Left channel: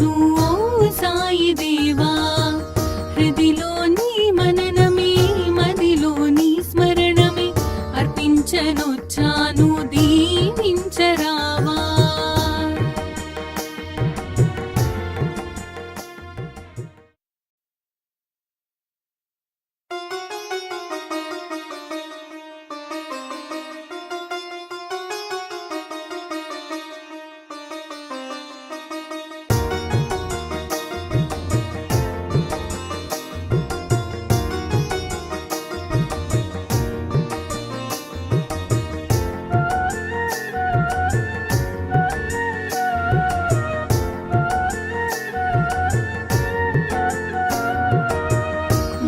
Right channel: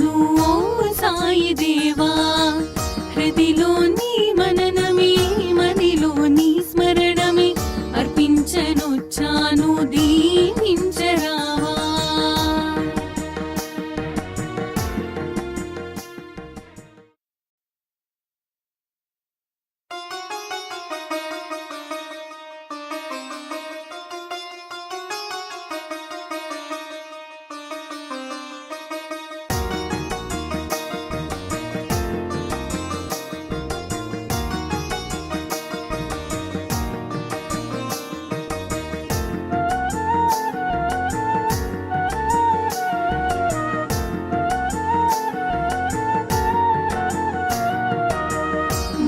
అర్పించనొచ్చాను ఓ సాయి దేవా. హృదిలోని మననమే మదిలోని స్మరణమే అర్పించనొచ్చాను దీవించరావా.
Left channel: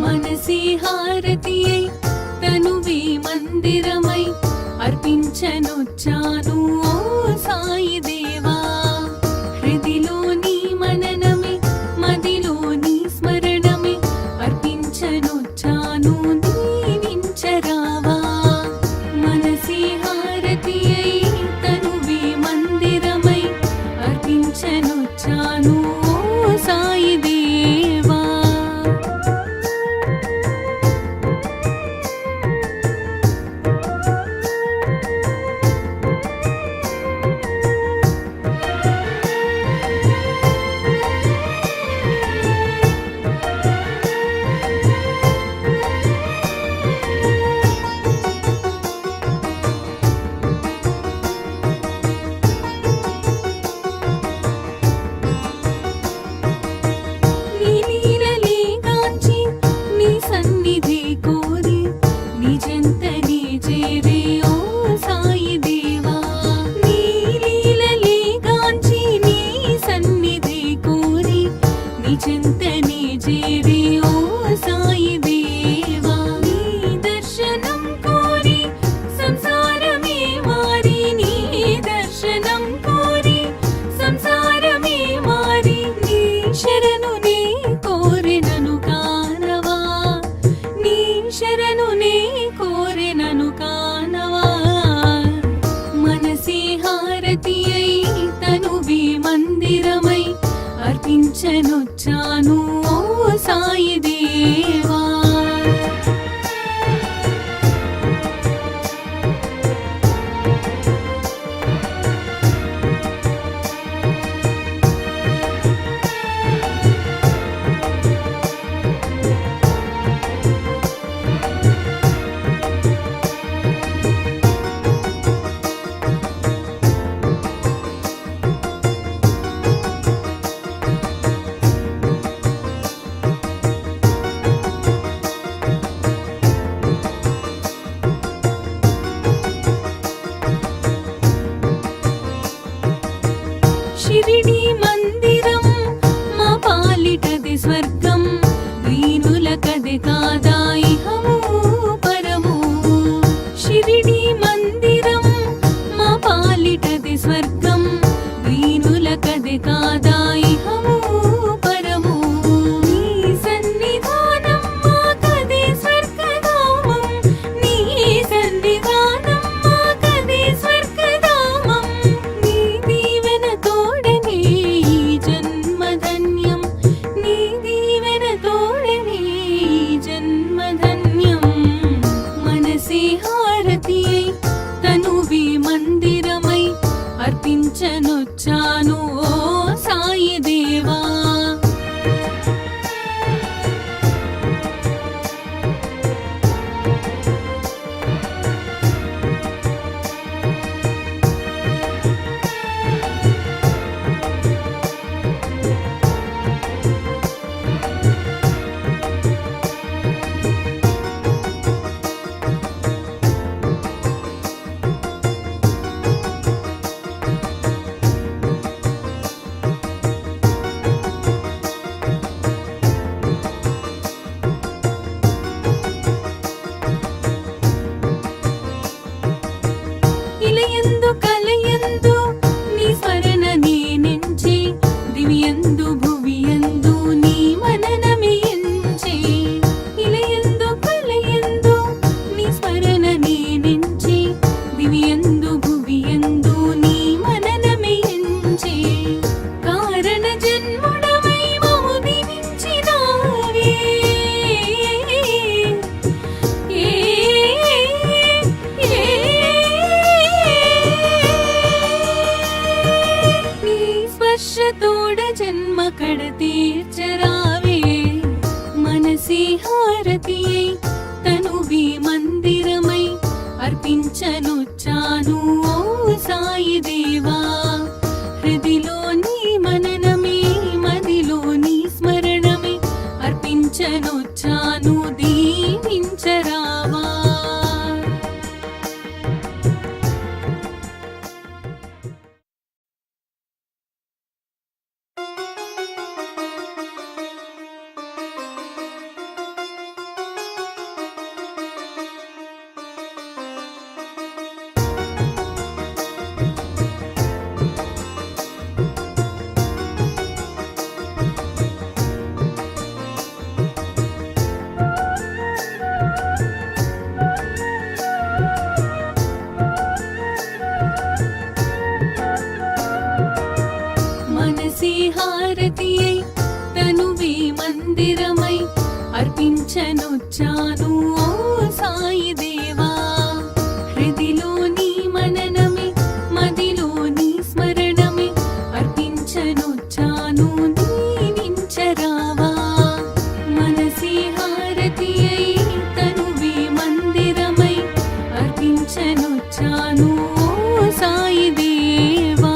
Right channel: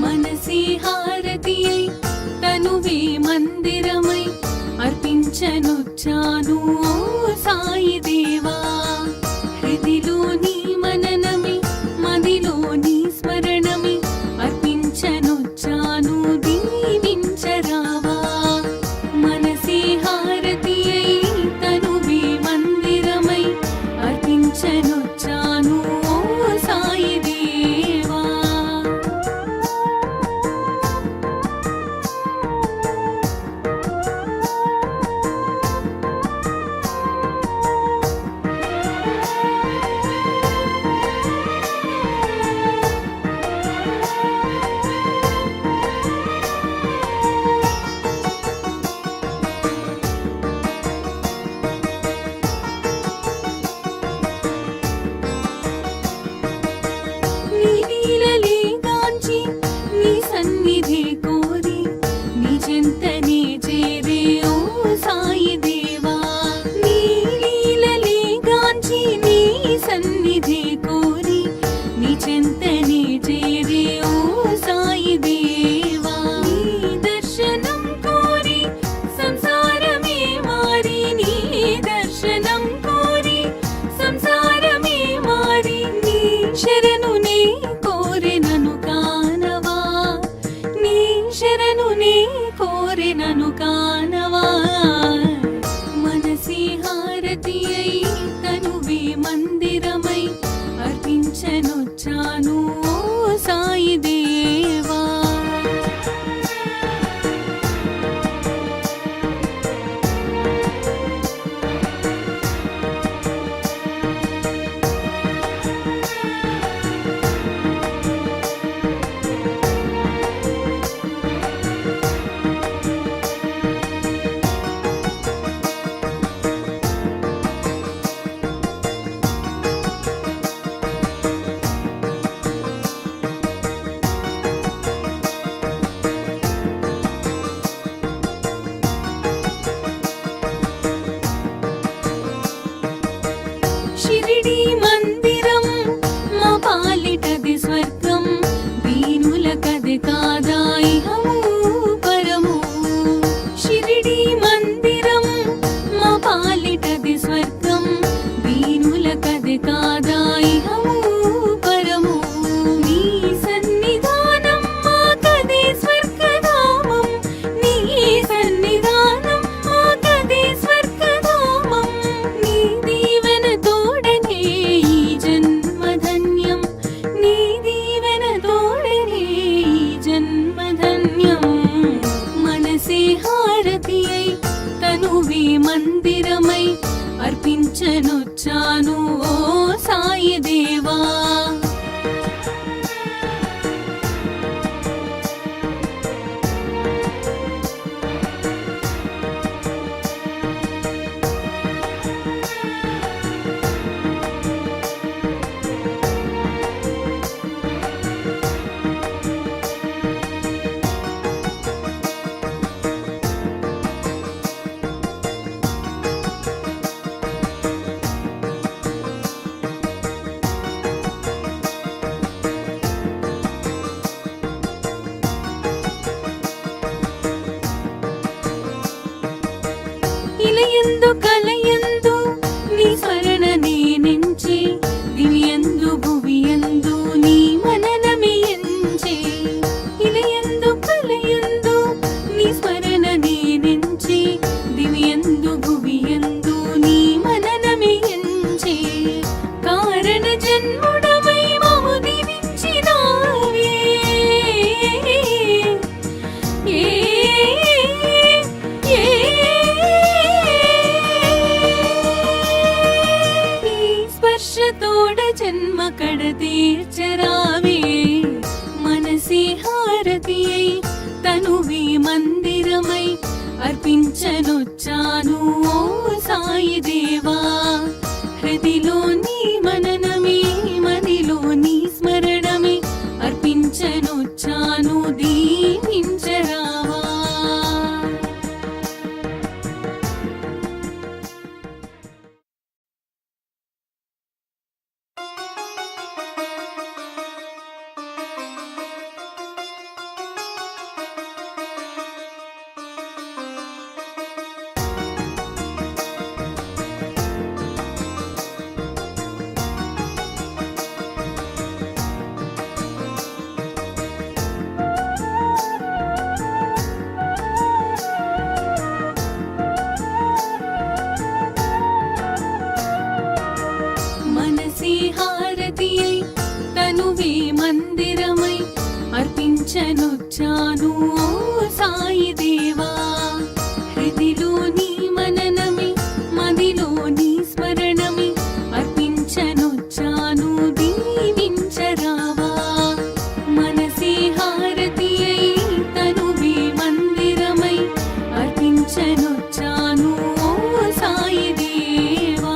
మనసే హారతియై తనువే మందిరమై అర్పించనొచ్చాను ఓ సాయి దేవా. హృదిలోని మననమే మదిలోని స్మరణమే అర్పించనొచ్చాను దీవించరావా. మనసే హారతియై తనువే మందిరమై అర్పించనొచ్చాను ఓ సాయి దేవా. నీ లీలలే గాంచి నీ సన్నిధి కోరి నీ చెంతనే చేరే ఓ సాయి దేవా. నీ లీలలే గాంచి నీ సన్నిధి కోరి నీ చెంతనే చేరే ఓ సాయి దేవా. నీ దర్శనం కోరి సంసారమే మారి నీ దర్శనం కోరి సంసారమే మారి నీ శరణు నీ కోరినను కానవా. నీ శరణు నీ కోరినను కానవా. మనసే హారతియై తనువే మందిరమై అర్పించనొచ్చాను ఓ సాయి దేవా. షిరిడి మందిరం మా పాలిటది స్వర్గం వీరులకది కాదా ఇహము పరము. షిరిడి మందిరం మా పాలిటది స్వర్గం వీరులకది కాదా ఇహము పరము. నీ సన్నిధానం మాకదే స్వర్గధామం. నీ సన్నిధానం మాకదే స్వర్గధామం. నీ దీవెన తోడనే ఈ జన్మధన్యం. నీ దీవెన తోడనే ఈ జన్మధన్యం. మనసే హారతియై తనువే మందిరమై అర్పించనొచ్చాను ఓ సాయి దేవా. దీక్షతోడ జన్మ కడ తీర్చరావే మనసే హారతియై తనువే మందిరమై అర్పించనొచ్చాను ఓ సాయి దేవా హృదిలో నీ మననమే మదిలో నీ స్మరణమే అర్పించనొచ్చాను దీవించరావా మనసే హారతియై తనువే మందిరమై అర్పించనొచ్చాను ఓ సాయి దేవా హృదిలో నీ మననమే మదిలో నీ స్మరణమే అర్పించనొచ్చాను దీవించరావా మనసే హారతియై తనువే మందిరమై అర్పించనొచ్చాను ఓ సాయి దేవా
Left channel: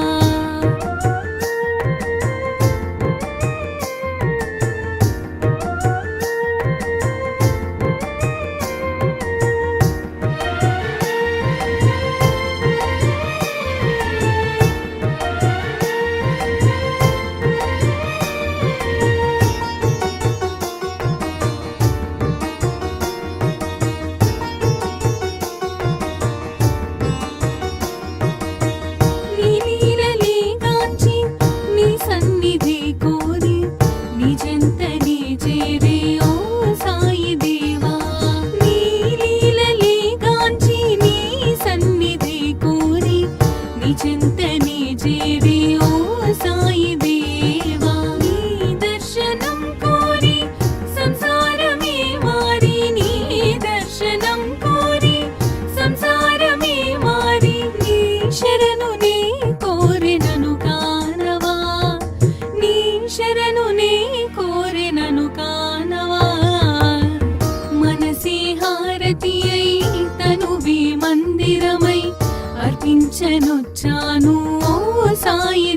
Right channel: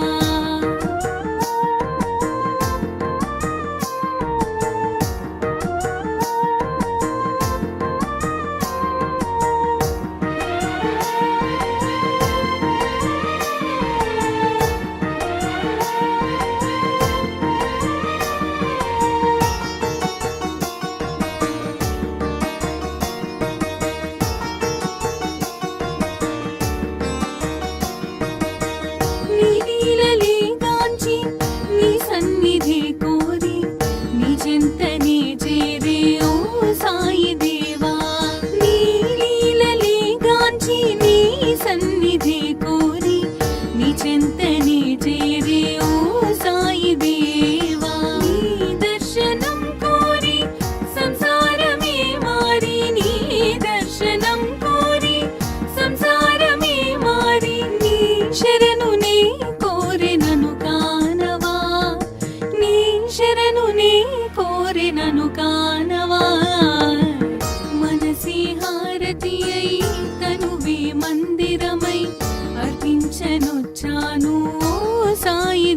నీ లీలలే గాంచి నీ సన్నిధి కోరి నీ చెంతనే చేరే ఓ సాయి దేవా నీ లీలలే గాంచి నీ సన్నిధి కోరి నీ చెంతనే చేరే ఓ సాయి దేవా నీ దర్శనం కోరి సంసారమే మారి నీ దర్శనం కోరి సంసారమే మారి నీ శరణు నీ కోరినను కానవా నీ శరణు నీ కోరినను కానవా మనసే హారతియై తనువే మందిరమై అర్పించనొచ్చాను ఓ సాయి